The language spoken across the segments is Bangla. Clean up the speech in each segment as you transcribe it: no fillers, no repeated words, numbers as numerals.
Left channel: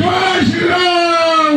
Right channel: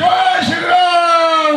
জয় শ্রীরাম।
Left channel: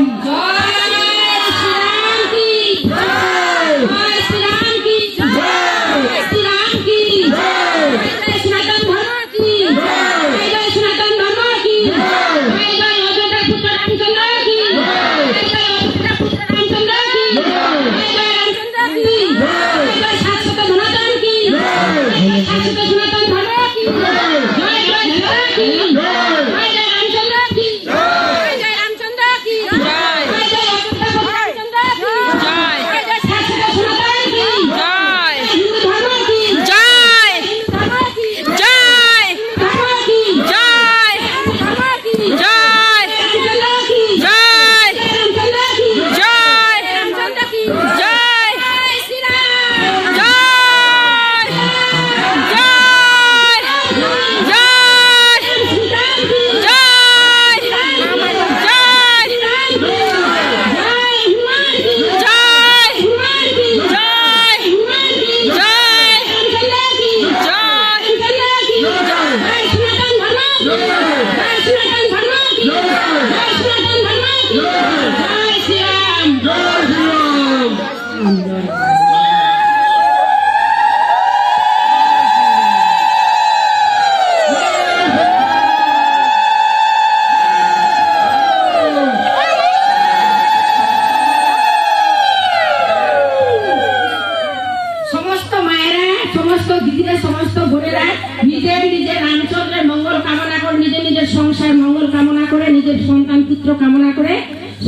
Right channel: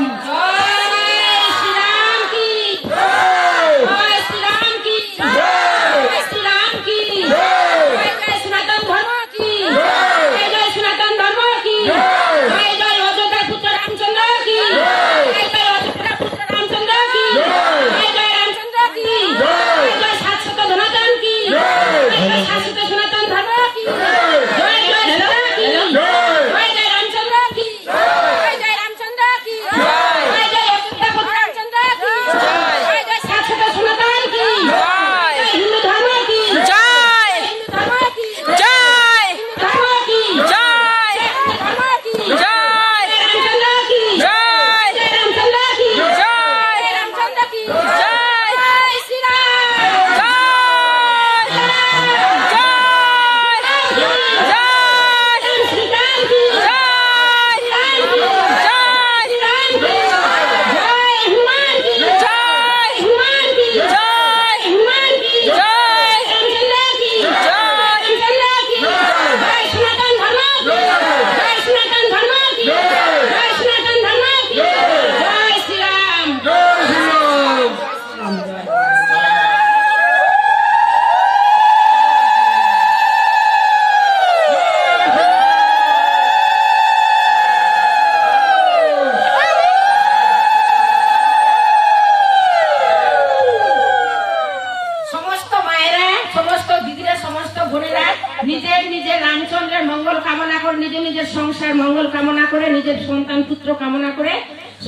সমস্ত দিদিরা, সমস্ত বোনেরা নিজের নিজের রামচন্দ্রের মঙ্গল কামনা করে, নিজের নিজের সংসার মঙ্গল কামনা করে, নিজের সন্তান পুত্র কামনা করে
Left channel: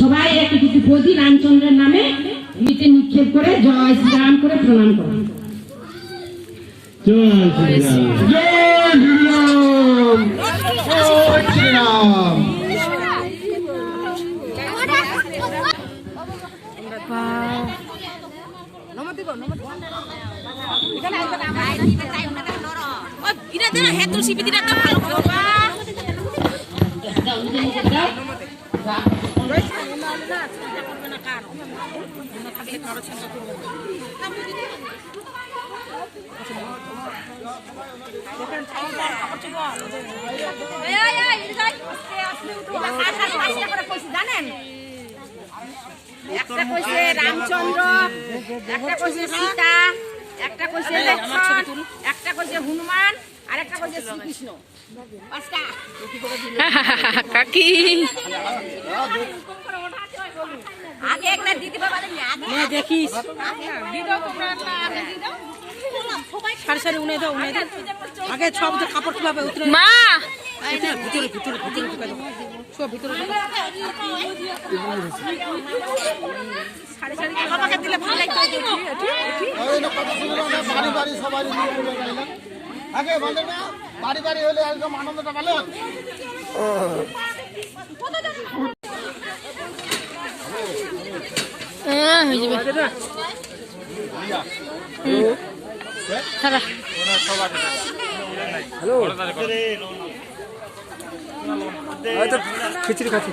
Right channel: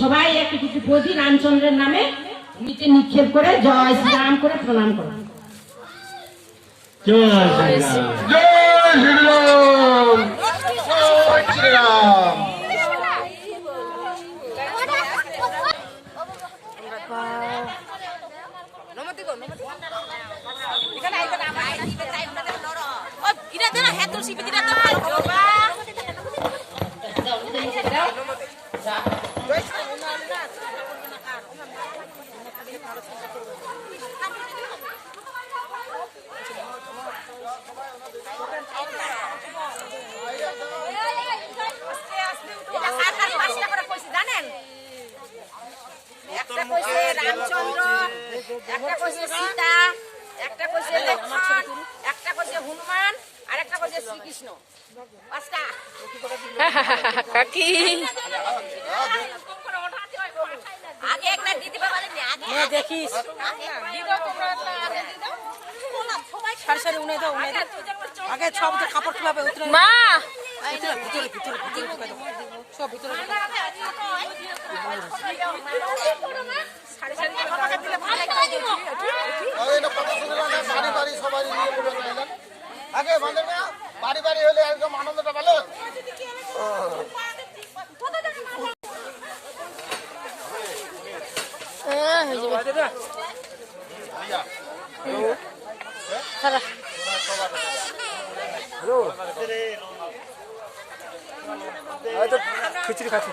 সবাই একটি কিছু প্রতি রামচন্দ্রের নামে নিচে নিক্ষেপ করে জয় শ্রীরাম করে প্রণাম করুন। জয় শ্রীরাম। জয় শ্রীরাম। জয় শ্রীরাম। জানেন, একটা কইছে রামচন্দ্র, একটা কইছে সীতা, একটা কইছে লক্ষ্মণ, একটা কইছে হনুমান, আর একটা কইছে শ্রীকৃষ্ণ। কাকি আগে একটা দিতে বাবা দেখিস আগে সব কাপড় তুলাবে মা বাড়ি বাড়ি সবাই নিয়ে বলে আগে বাঁধে না, বাড়ি বাড়ি হলে একদম আনন্দটা ভালো। হয়ে যাবে খিচুড়ি খাচ্ছি।